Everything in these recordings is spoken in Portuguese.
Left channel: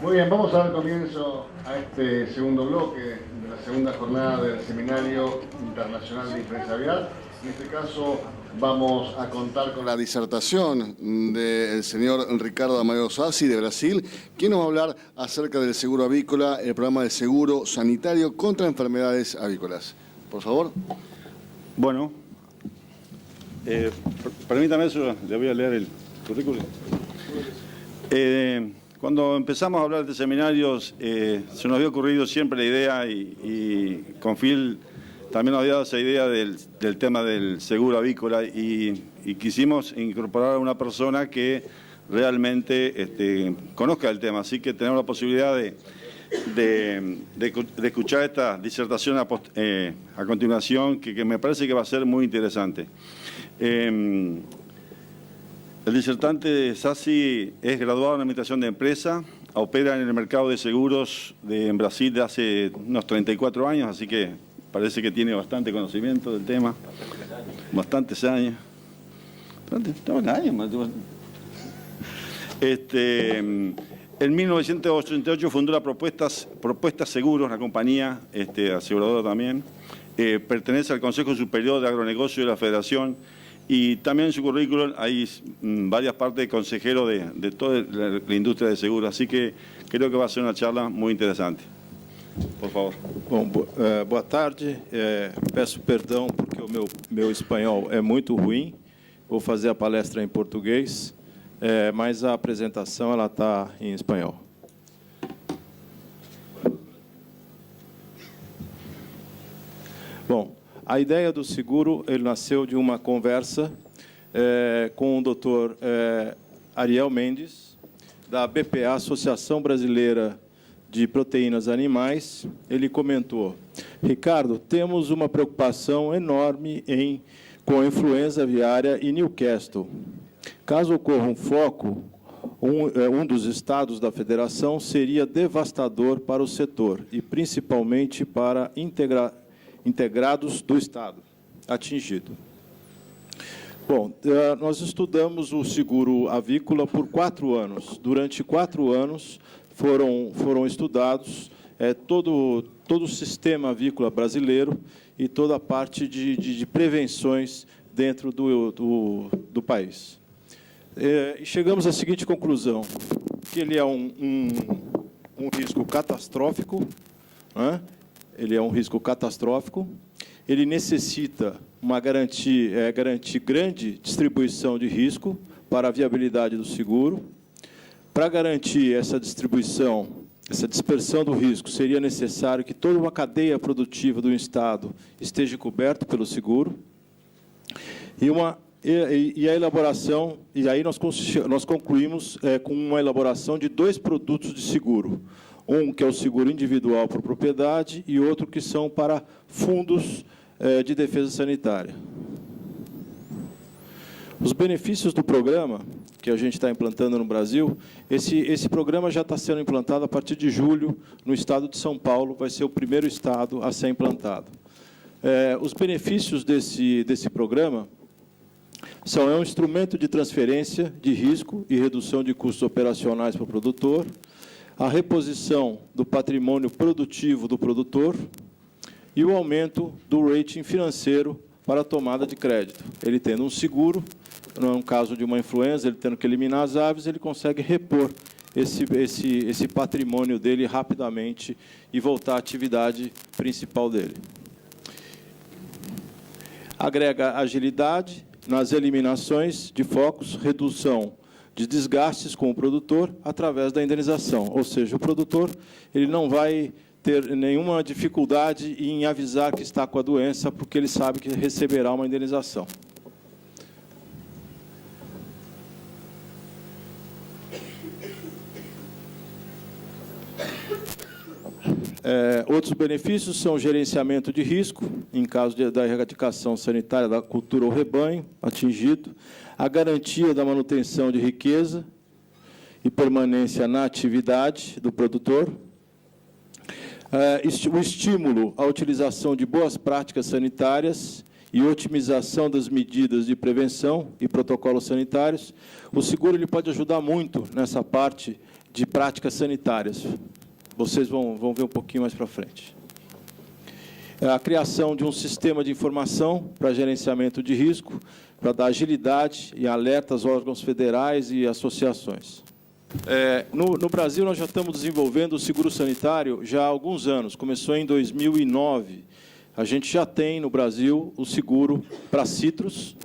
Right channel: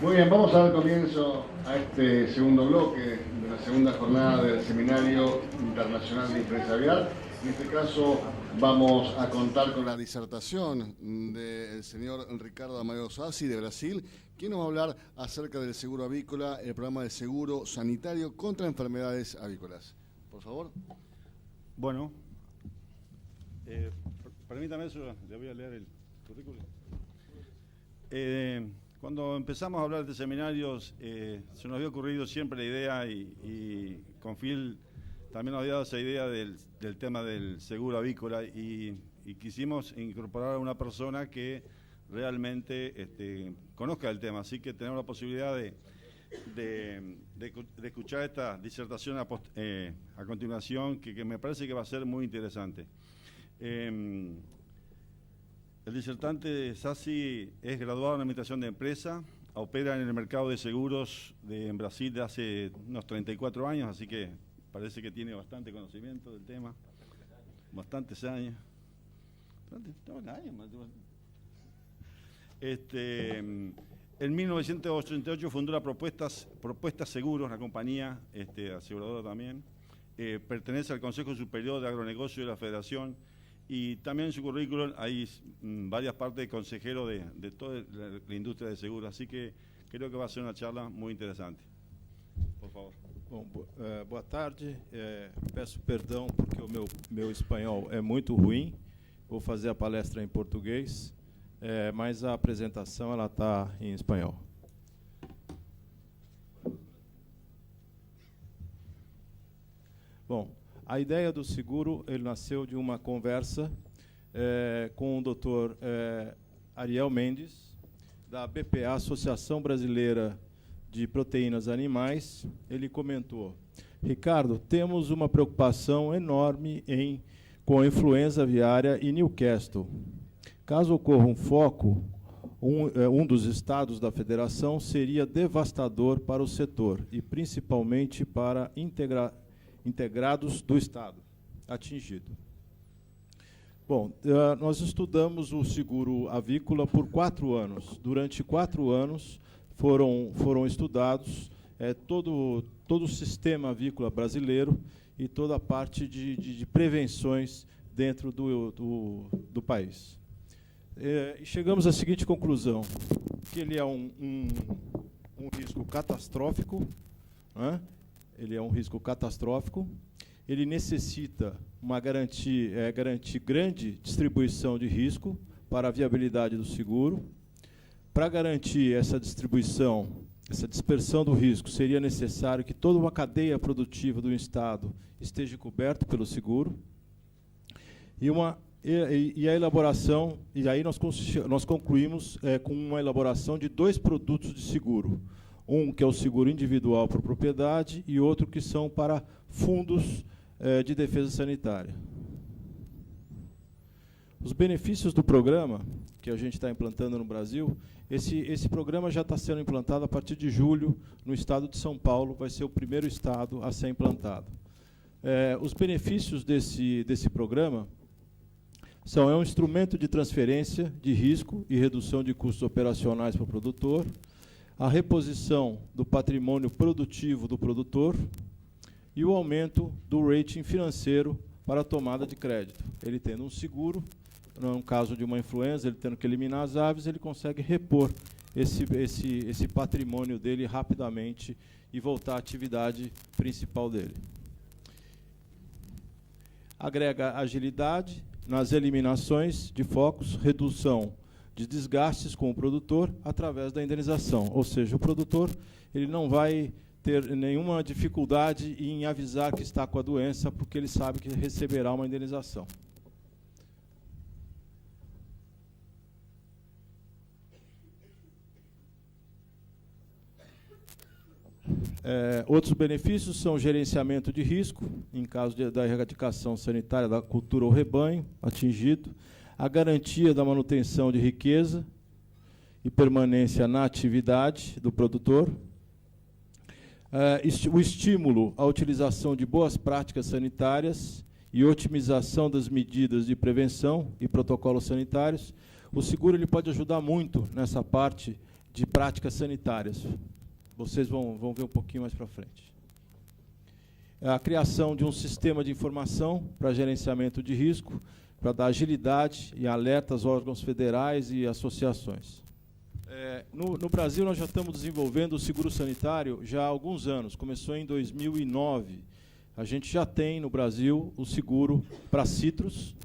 Muy bien, vamos a dar comienzo a este segundo bloque de la segunda jornada del Seminario Internacional de Influencia Aviar. En este caso vamos a contar con la disertación del señor Ricardo Amadeo Sassi de Brasil, quien nos va a hablar acerca del seguro avícola, el programa de seguro sanitario contra enfermedades avícolas. Por favor. Bueno, permítame eso, le voy a leer el currículum. Cuando empezamos a hablar de seminarios, se nos había ocurrido siempre la idea, y con Phil también nos había dado esa idea del tema del seguro avícola, y quisimos incorporar a una persona que realmente conozca el tema, así que tenemos la posibilidad de escuchar esta disertación a continuación, que me parece que va a ser muy interesante. El disertante Sassi es graduado en Administración de Empresa, opera en el mercado de seguros en Brasil de hace unos 34 años, así que parece que tiene bastante conocimiento del tema, bastantes años. En 1988 fundó la Propuestas Seguros, la compañía aseguradora también. Pertenece al Consejo Superior de Agronegocio de la Federación. Y también en su currículum hay varias partes de consejero de toda la industria de seguros, así que creo que va a ser una charla muy interesante. Por favor. Bom, boa tarde. Peço perdão porque o meu espanhol é muito ruim. Vou fazer a palestra em português, mas a apresentação ela está em espanhol. Bom, a ideia do seguro ele nasceu de uma conversa com o Dr. Ariel Mendes, da BPA, Associação Brasileira de Proteínas Animais. Ele comentou: Ricardo, temos uma preocupação enorme com a influenza aviária em Newcastle. Caso ocorra um foco, um dos estados da federação seria devastador para o setor e principalmente para integrados do Estado atingido. Bom, nós estudamos o seguro avícola por 4 anos. Durante 4 anos foram estudados todo o sistema avícola brasileiro e toda a parte de prevenções dentro do país. E chegamos à seguinte conclusão, que ele é um risco catastrófico, né? Ele é um risco catastrófico, ele necessita garantir grande distribuição de risco para a viabilidade do seguro. Para garantir essa distribuição, essa dispersão do risco, seria necessário que toda uma cadeia produtiva do Estado esteja coberta pelo seguro. E a elaboração, e aí nós concluímos com uma elaboração de 2 produtos de seguro. Um que é o seguro individual por propriedade e outro que são para fundos de defesa sanitária. Os benefícios do programa que a gente está implantando no Brasil, esse programa já está sendo implantado a partir de julho no estado de São Paulo, vai ser o primeiro estado a ser implantado. Os benefícios desse programa é um instrumento de transferência de risco e redução de custos operacionais para o produtor, a reposição do patrimônio produtivo do produtor e o aumento do rating financeiro para a tomada de crédito. Ele tendo um seguro, no caso de uma influenza, ele tendo que eliminar as aves, ele consegue repor esse patrimônio dele rapidamente e voltar à atividade principal dele. Agrega agilidade nas eliminações de focos, redução de desgastes com o produtor através da indenização. Ou seja, o produtor ele não vai ter nenhuma dificuldade em avisar que está com a doença, porque ele sabe que receberá uma indenização. Outros benefícios são o gerenciamento de risco, em caso da erradicação sanitária da cultura ou rebanho atingido, a garantia da manutenção de riqueza e permanência na atividade do produtor, o estímulo à utilização de boas práticas sanitárias e otimização das medidas de prevenção e protocolos sanitários. O seguro ele pode ajudar muito nessa parte de práticas sanitárias. Vocês vão ver um pouquinho mais para frente. A criação de um sistema de informação para gerenciamento de risco, para dar agilidade e alerta aos órgãos federais e associações. No Brasil, nós já estamos desenvolvendo o seguro sanitário já há alguns anos. Começou em 2009. A gente já tem, no Brasil, o seguro para citros.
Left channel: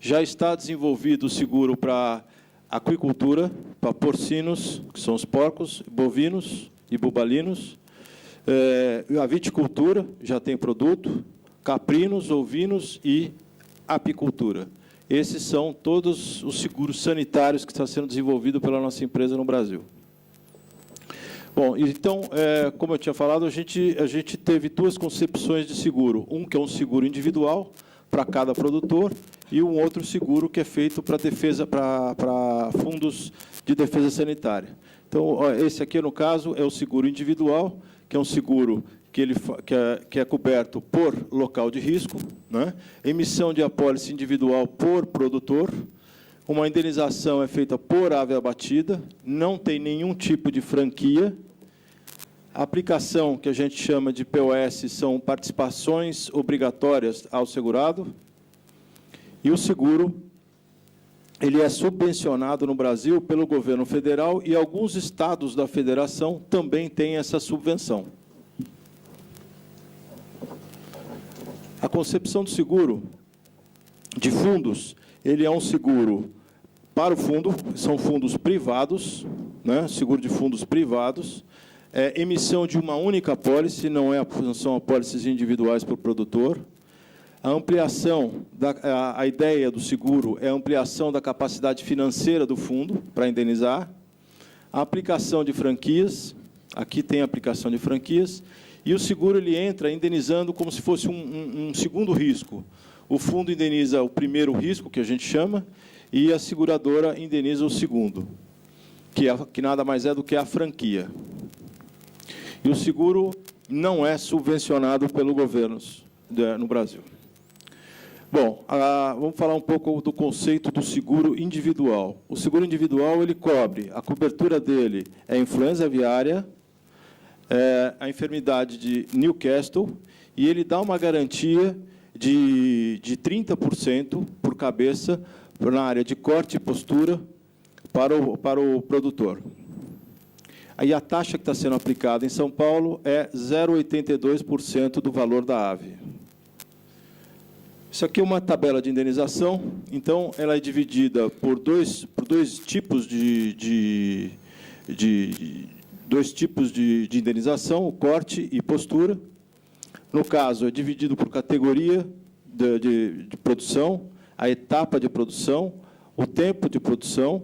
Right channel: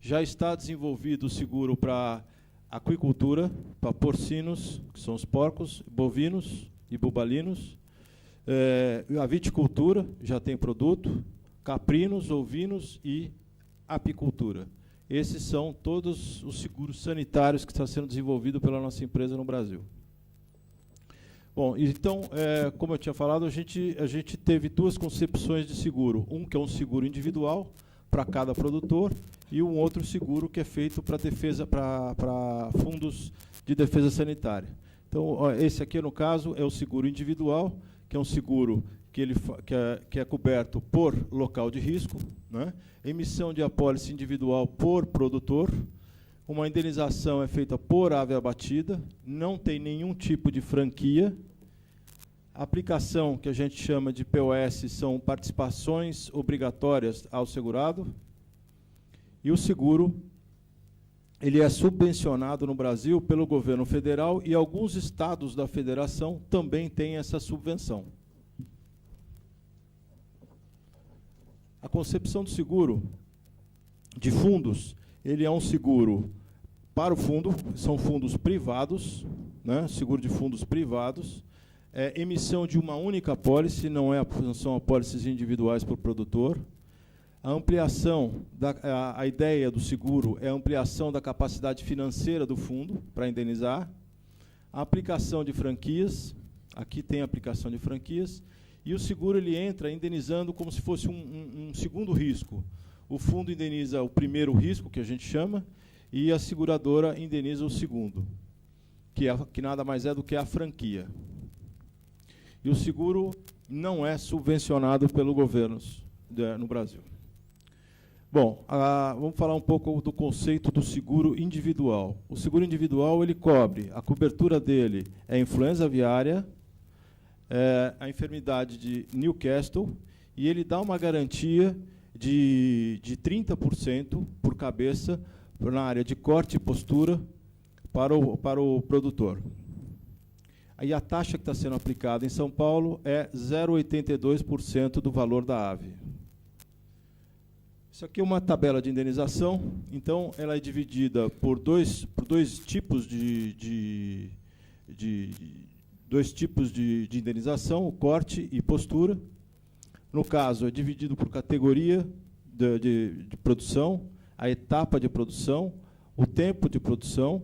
Já está desenvolvido o seguro para aquicultura, para porcinos, que são os porcos, bovinos e bubalinos. A viticultura já tem produto, caprinos, ovinos e apicultura. Esses são todos os seguros sanitários que estão sendo desenvolvidos pela nossa empresa no Brasil. Bom, então, como eu tinha falado, a gente teve duas concepções de seguro. Um que é um seguro individual para cada produtor e um outro seguro que é feito para defesa, para fundos de defesa sanitária. Então, esse aqui, no caso, é o seguro individual, que é um seguro que é coberto por local de risco, né? Emissão de apólice individual por produtor, uma indenização é feita por ave abatida, não tem nenhum tipo de franquia. A aplicação, que a gente chama de POS, são participações obrigatórias ao segurado. E o seguro, ele é subvencionado no Brasil pelo governo federal e alguns estados da federação também têm essa subvenção. A concepção do seguro de fundos, ele é um seguro para o fundo, são fundos privados, né, seguro de fundos privados, emissão de uma única apólice, não são apólices individuais para o produtor. A ampliação, a ideia do seguro é a ampliação da capacidade financeira do fundo para indenizar. A aplicação de franquias, aqui tem a aplicação de franquias, e o seguro ele entra indenizando como se fosse um segundo risco. O fundo indeniza o primeiro risco, que a gente chama, e a seguradora indeniza o segundo, que nada mais é do que a franquia. E o seguro não é subvencionado pelo governo no Brasil. Bom, vamos falar um pouco do conceito do seguro individual. O seguro individual ele cobre, a cobertura dele é a influenza aviária, a enfermidade de Newcastle, e ele dá uma garantia de 30% por cabeça na área de corte e postura para o produtor. Aí a taxa que está sendo aplicada em São Paulo é 0,82% do valor da ave. Isso aqui é uma tabela de indenização, então ela é dividida por dois tipos de indenização, o corte e postura. No caso, é dividido por categoria de produção, a etapa de produção, o tempo de produção,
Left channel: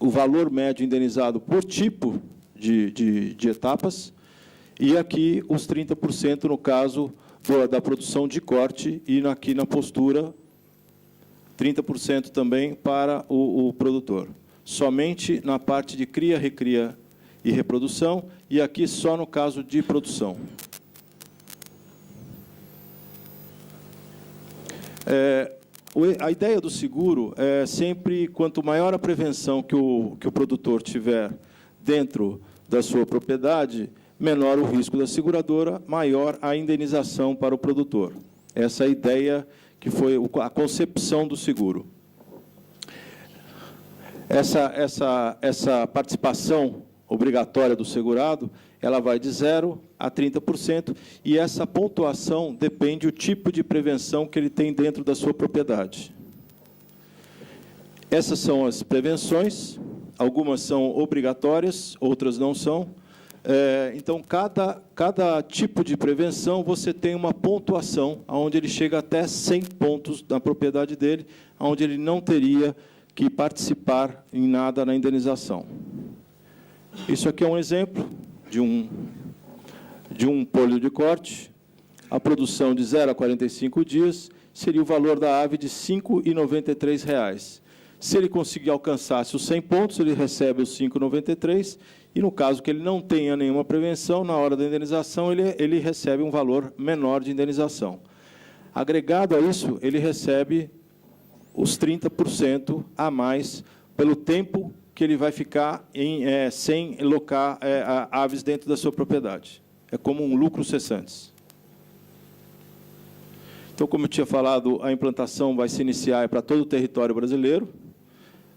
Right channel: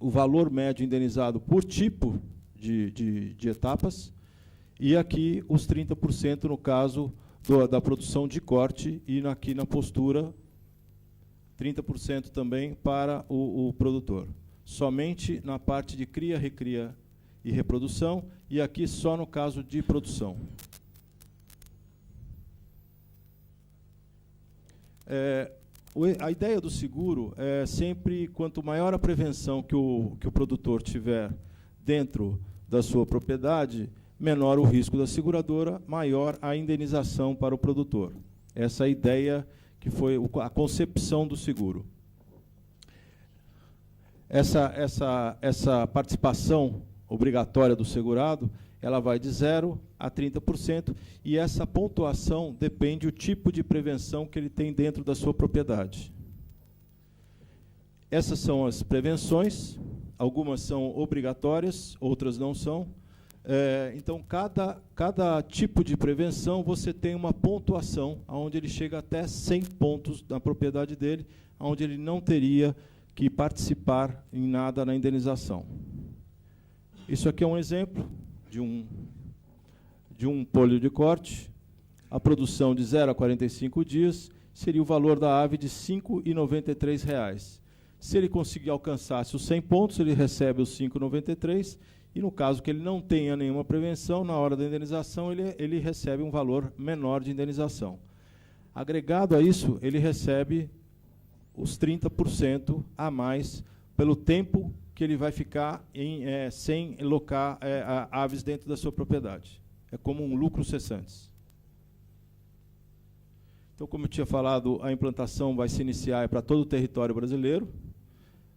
o valor médio indenizado por tipo de etapas, e aqui os 30% no caso da produção de corte, e aqui na postura, 30% também para o produtor. Somente na parte de cria, recria e reprodução, e aqui só no caso de produção. A ideia do seguro é sempre, quanto maior a prevenção que o produtor tiver dentro da sua propriedade, menor o risco da seguradora, maior a indenização para o produtor. Essa é a ideia que foi a concepção do seguro. Essa participação obrigatória do segurado, ela vai de 0% a 30%, e essa pontuação depende do tipo de prevenção que ele tem dentro da sua propriedade. Essas são as prevenções, algumas são obrigatórias, outras não são. Então, cada tipo de prevenção, você tem uma pontuação, onde ele chega até 100 pontos na propriedade dele, onde ele não teria que participar em nada na indenização. Isso aqui é um exemplo de um polho de corte. A produção de 0 a 45 dias seria o valor da ave de R$ 5,93. Se ele conseguir alcançar os 100 pontos, ele recebe os R$ 5,93, e no caso que ele não tenha nenhuma prevenção, na hora da indenização, ele recebe um valor menor de indenização. Agregado a isso, ele recebe os 30% a mais pelo tempo que ele vai ficar sem locar aves dentro da sua propriedade. É como um lucro cessante. Então, como eu tinha falado, a implantação vai se iniciar para todo o território brasileiro.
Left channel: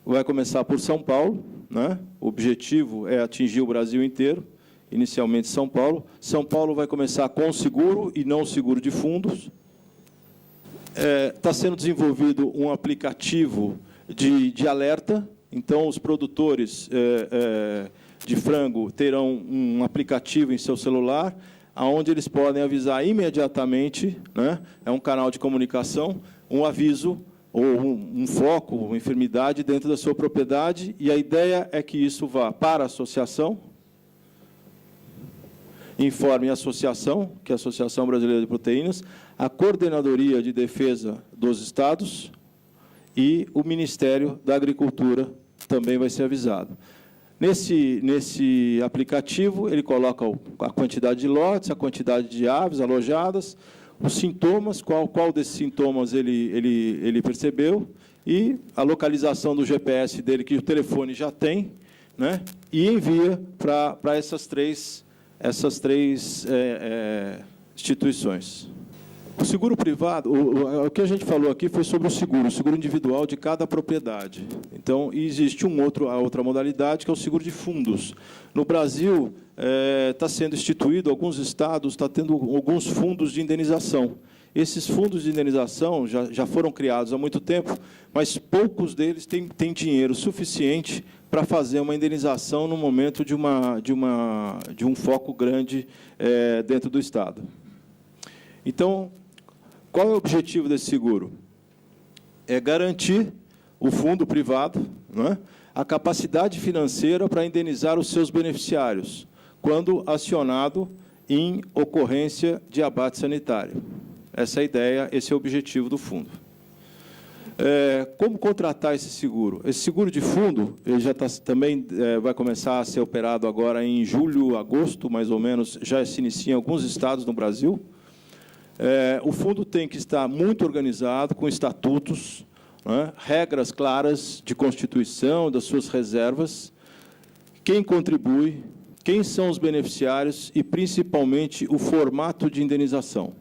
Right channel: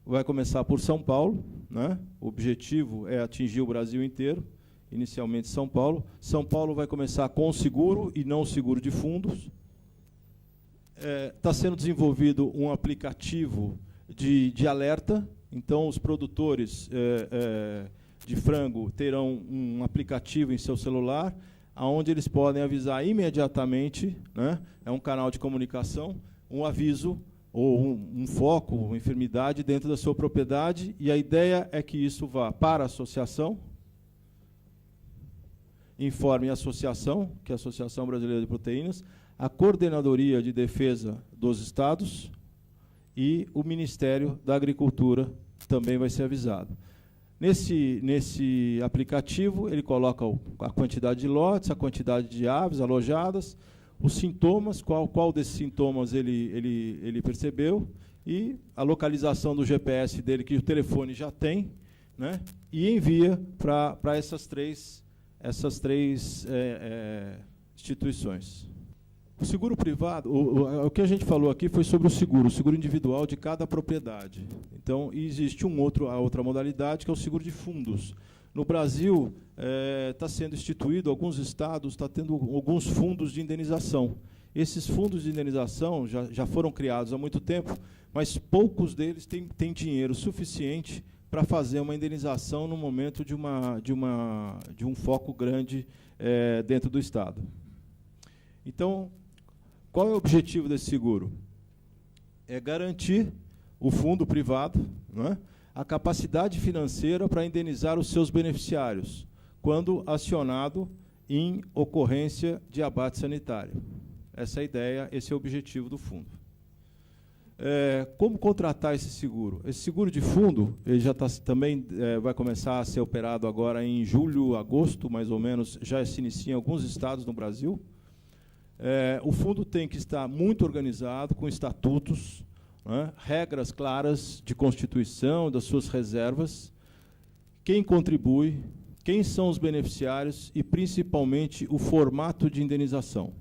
Vai começar por São Paulo, né? O objetivo é atingir o Brasil inteiro, inicialmente São Paulo. São Paulo vai começar com seguro e não seguro de fundos. Está sendo desenvolvido um aplicativo de alerta. Então, os produtores de frango terão um aplicativo em seu celular, onde eles podem avisar imediatamente, né? É um canal de comunicação, um aviso ou um foco, uma enfermidade dentro da sua propriedade, e a ideia é que isso vá para a associação, informe a associação, que é a Associação Brasileira de Proteínas, a Coordenadoria de Defesa dos Estados e o Ministério da Agricultura também vai ser avisado. Nesse aplicativo, ele coloca a quantidade de lotes, a quantidade de aves alojadas, os sintomas, qual desses sintomas ele percebeu, e a localização do GPS dele, que o telefone já tem, né, e envia para essas três instituições. O seguro privado, o que a gente falou aqui foi sobre o seguro individual de cada propriedade. Então, existe a outra modalidade, que é o seguro de fundos. No Brasil, está sendo instituído, alguns estados estão tendo alguns fundos de indenização. Esses fundos de indenização já foram criados há muito tempo, mas poucos deles têm dinheiro suficiente para fazer uma indenização no momento de um foco grande dentro do estado. Então, qual é o objetivo desse seguro? É garantir o fundo privado, né, a capacidade financeira para indenizar os seus beneficiários, quando acionado em ocorrência de abate sanitário. Essa é a ideia, esse é o objetivo do fundo. Como contratar esse seguro? Esse seguro de fundo ele já também vai começar a ser operado agora em julho, agosto, mais ou menos, já se inicia em alguns estados no Brasil. O fundo tem que estar muito organizado, com estatutos, né, regras claras de constituição, das suas reservas, quem contribui, quem são os beneficiários e, principalmente, o formato de indenização.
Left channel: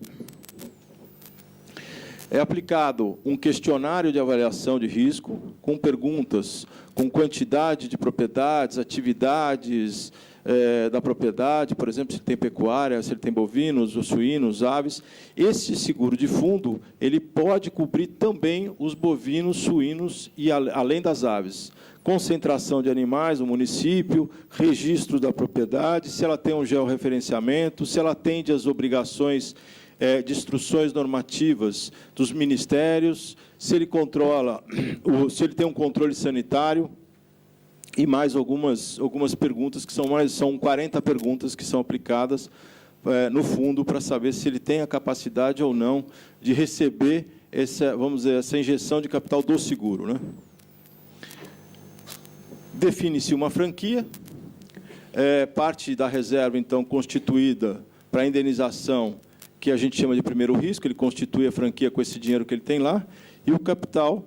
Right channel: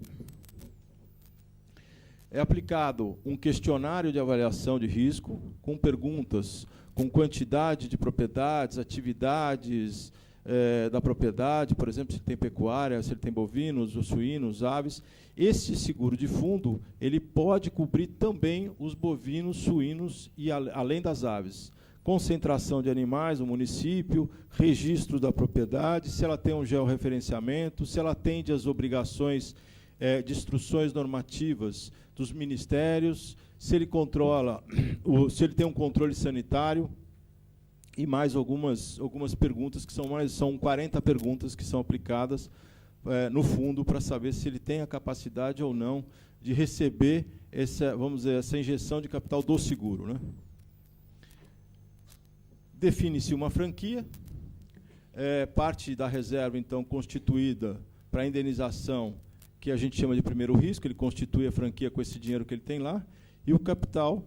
É aplicado um questionário de avaliação de risco, com perguntas, com quantidade de propriedades, atividades da propriedade, por exemplo, se tem pecuária, se ele tem bovinos, ou suínos, aves. Esse seguro de fundo ele pode cobrir também os bovinos, suínos e além das aves. Concentração de animais no município, registro da propriedade, se ela tem um georreferenciamento, se ela atende às obrigações de instruções normativas dos ministérios, se ele controla, se ele tem um controle sanitário, e mais algumas perguntas, que são 40 perguntas que são aplicadas no fundo para saber se ele tem a capacidade ou não de receber essa injeção de capital do seguro, né? Define-se uma franquia, parte da reserva, então, constituída para a indenização, que a gente chama de primeiro risco, ele constitui a franquia com esse dinheiro que ele tem lá, e o capital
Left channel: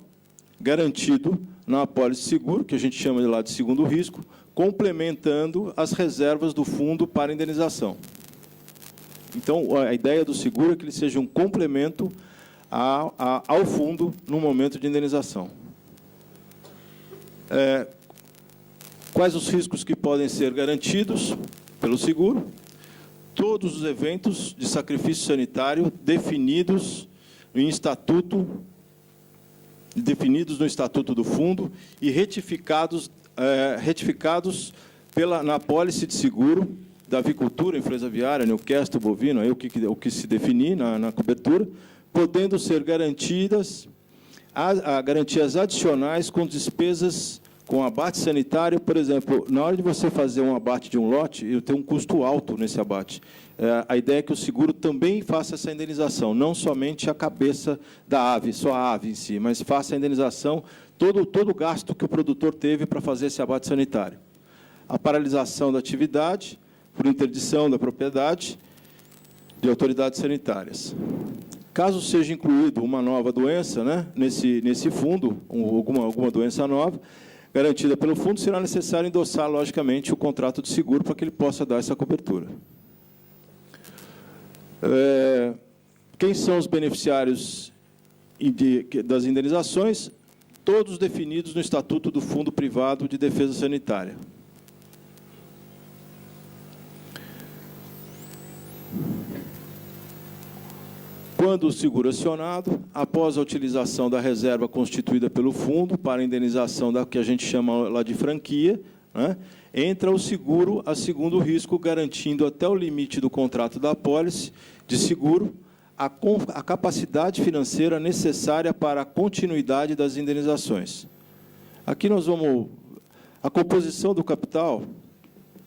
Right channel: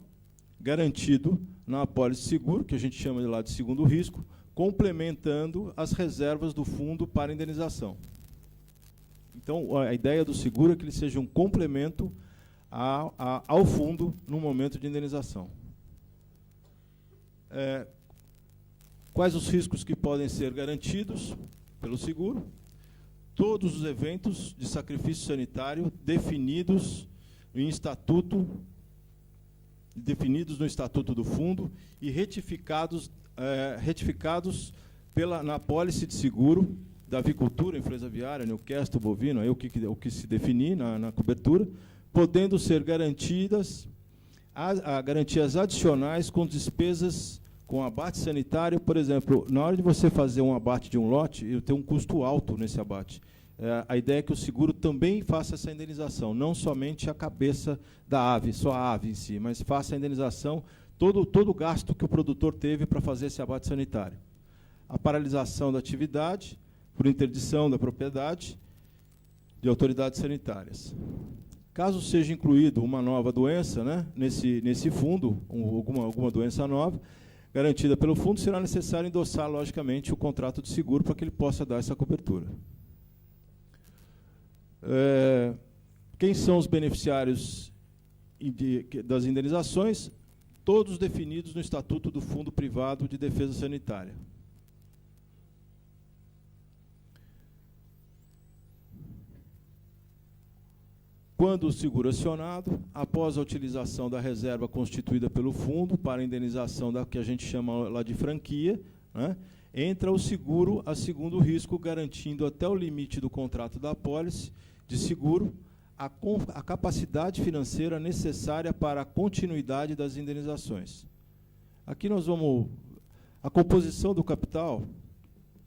garantido na apólice de seguro, que a gente chama de lá de segundo risco, complementando as reservas do fundo para indenização. Então, a ideia do seguro é que ele seja um complemento ao fundo no momento de indenização. Quais os riscos que podem ser garantidos pelo seguro? Todos os eventos de sacrifício sanitário definidos no estatuto do fundo e retificados na apólice de seguro da avicultura, influenza aviária, Newcastle, bovino, aí o que se definir na cobertura, podendo ser garantidas garantias adicionais com despesas com abate sanitário. Por exemplo, na hora de você fazer um abate de um lote, eu tenho um custo alto nesse abate. A ideia é que o seguro também faça essa indenização, não somente a cabeça da ave, só a ave em si, mas faça a indenização, todo o gasto que o produtor teve para fazer esse abate sanitário. A paralisação da atividade, por interdição da propriedade, de autoridades sanitárias. Caso seja incluído uma nova doença, né, nesse fundo, alguma doença nova, garantida pelo fundo, será necessário endossar, logicamente, o contrato de seguro para que ele possa dar essa cobertura. Quem são os beneficiários das indenizações? Todos definidos no Estatuto do Fundo Privado de Defesa Sanitária. Quando o seguro acionado, após a utilização da reserva constituída pelo fundo para a indenização da que a gente chama lá de franquia, né, entra o seguro a segundo risco, garantindo até o limite do contrato da apólice de seguro a capacidade financeira necessária para a continuidade das indenizações. Aqui nós vamos... A composição do capital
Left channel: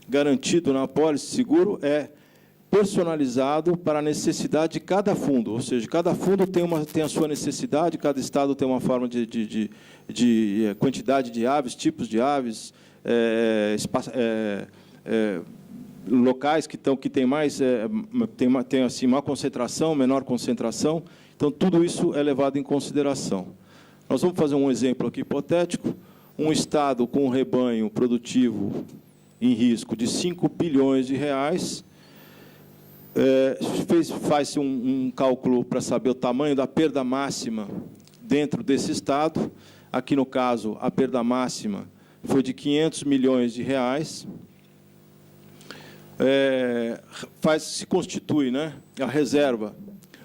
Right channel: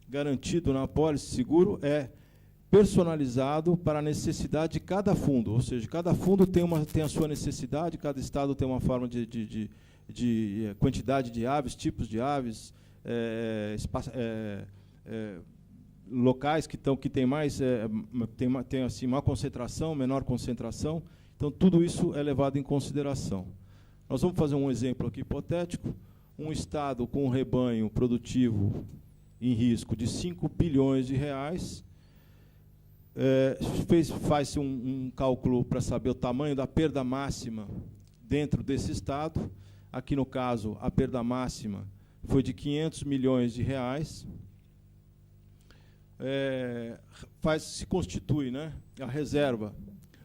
garantido na apólice de seguro é personalizado para a necessidade de cada fundo, ou seja, cada fundo tem a sua necessidade, cada estado tem uma forma de quantidade de aves, tipos de aves, locais que tem mais, tem assim, maior concentração, menor concentração, então tudo isso é levado em consideração. Nós vamos fazer um exemplo aqui hipotético, um estado com um rebanho produtivo em risco de 5 bilhões de reais, faz-se um cálculo para saber o tamanho da perda máxima dentro desse estado. Aqui, no caso, a perda máxima foi de 500 milhões de reais. Se constitui, né, a reserva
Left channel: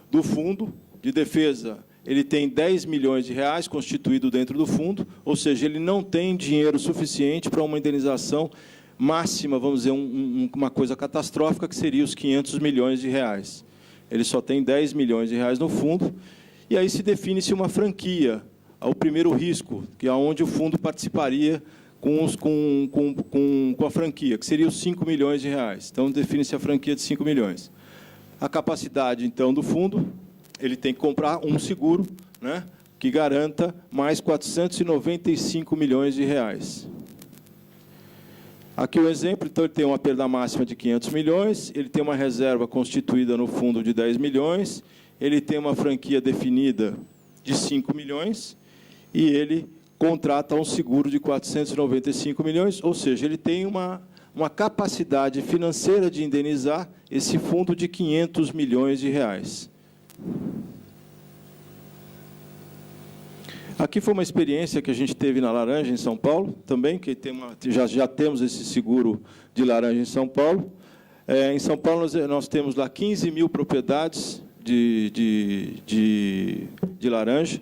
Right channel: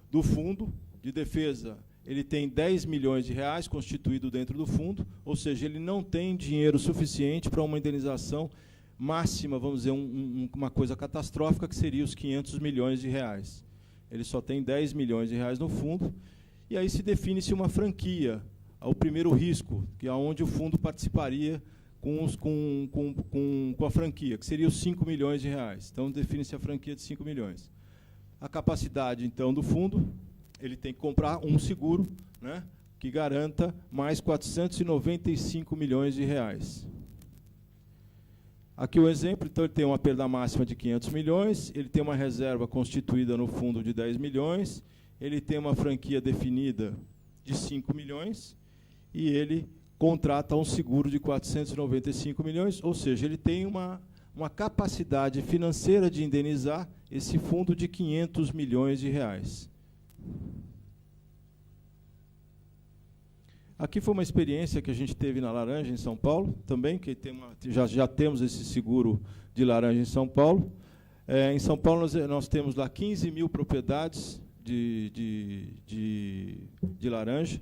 do fundo de defesa. Ele tem 10 milhões de reais constituído dentro do fundo, ou seja, ele não tem dinheiro suficiente para uma indenização máxima, vamos dizer, uma coisa catastrófica, que seria os 500 milhões de reais. Ele só tem 10 milhões de reais no fundo, e aí se define-se uma franquia, ao primeiro risco, que é onde o fundo participaria com a franquia, que seria os 5 milhões de reais. Então, define-se a franquia de 5 milhões. A capacidade, então, do fundo, ele tem que comprar um seguro, né, que garanta mais 495 milhões de reais. Aqui o exemplo, então, ele tem uma perda máxima de 500 milhões, ele tem uma reserva constituída no fundo de 10 milhões, ele tem uma franquia definida de 5 milhões, e ele contrata um seguro de 495 milhões, ou seja, ele tem uma capacidade financeira de indenizar esse fundo de 500 milhões de reais. Aqui foi uma experiência que a gente teve na Laranja, em São Paulo, também, que já temos esse seguro de laranja em São Paulo. Em São Paulo, nós temos lá 15 mil propriedades de laranja.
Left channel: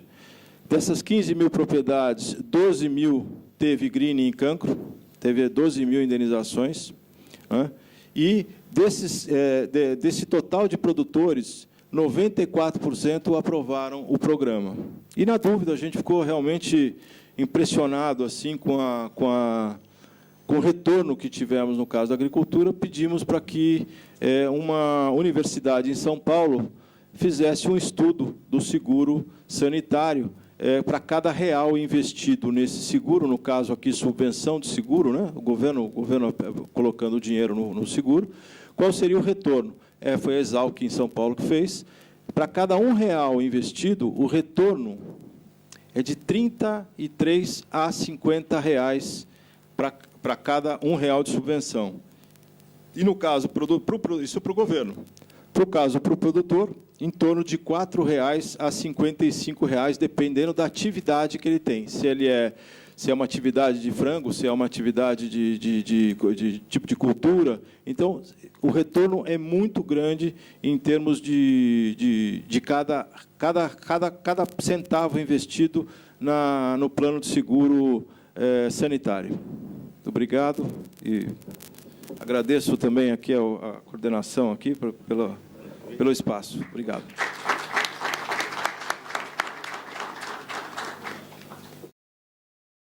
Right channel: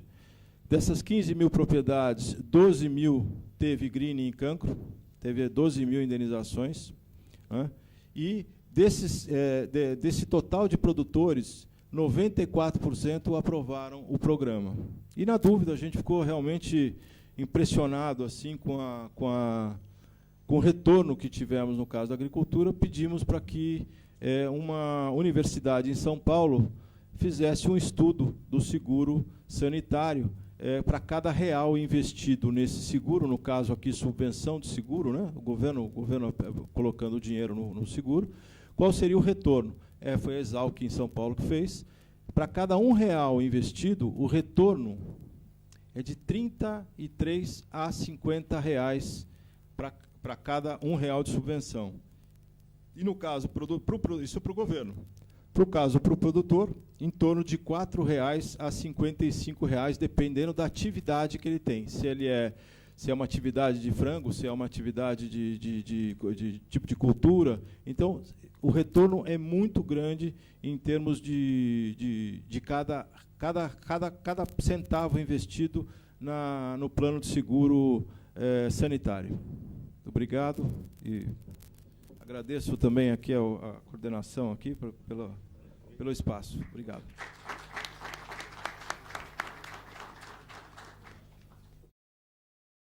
Dessas 15 mil propriedades, 12 mil teve greening em cancro, teve 12 mil indenizações. Né? E desse total de produtores, 94% aprovaram o programa. E, na dúvida, a gente ficou realmente impressionado assim, com o retorno que tivemos no caso da agricultura. Pedimos para que uma universidade em São Paulo fizesse um estudo do seguro sanitário para cada real investido nesse seguro, no caso aqui, subvenção de seguro, né? o governo colocando o dinheiro no seguro, qual seria o retorno? Foi a Exalc em São Paulo que fez. Para cada R$1 investido, o retorno é de 33 a 50 reais para cada R$1 de subvenção. E, no caso, isso para o governo. Para o caso, para o produtor, em torno de R$4 a R$55, dependendo da atividade que ele tem. Se é uma atividade de frango, se é uma atividade de tipo de cultura. Então, o retorno é muito grande em termos de cada centavo investido no plano de seguro sanitário. Muito obrigado. E agradeço também aqui a coordenação aqui pelo espaço. Obrigado.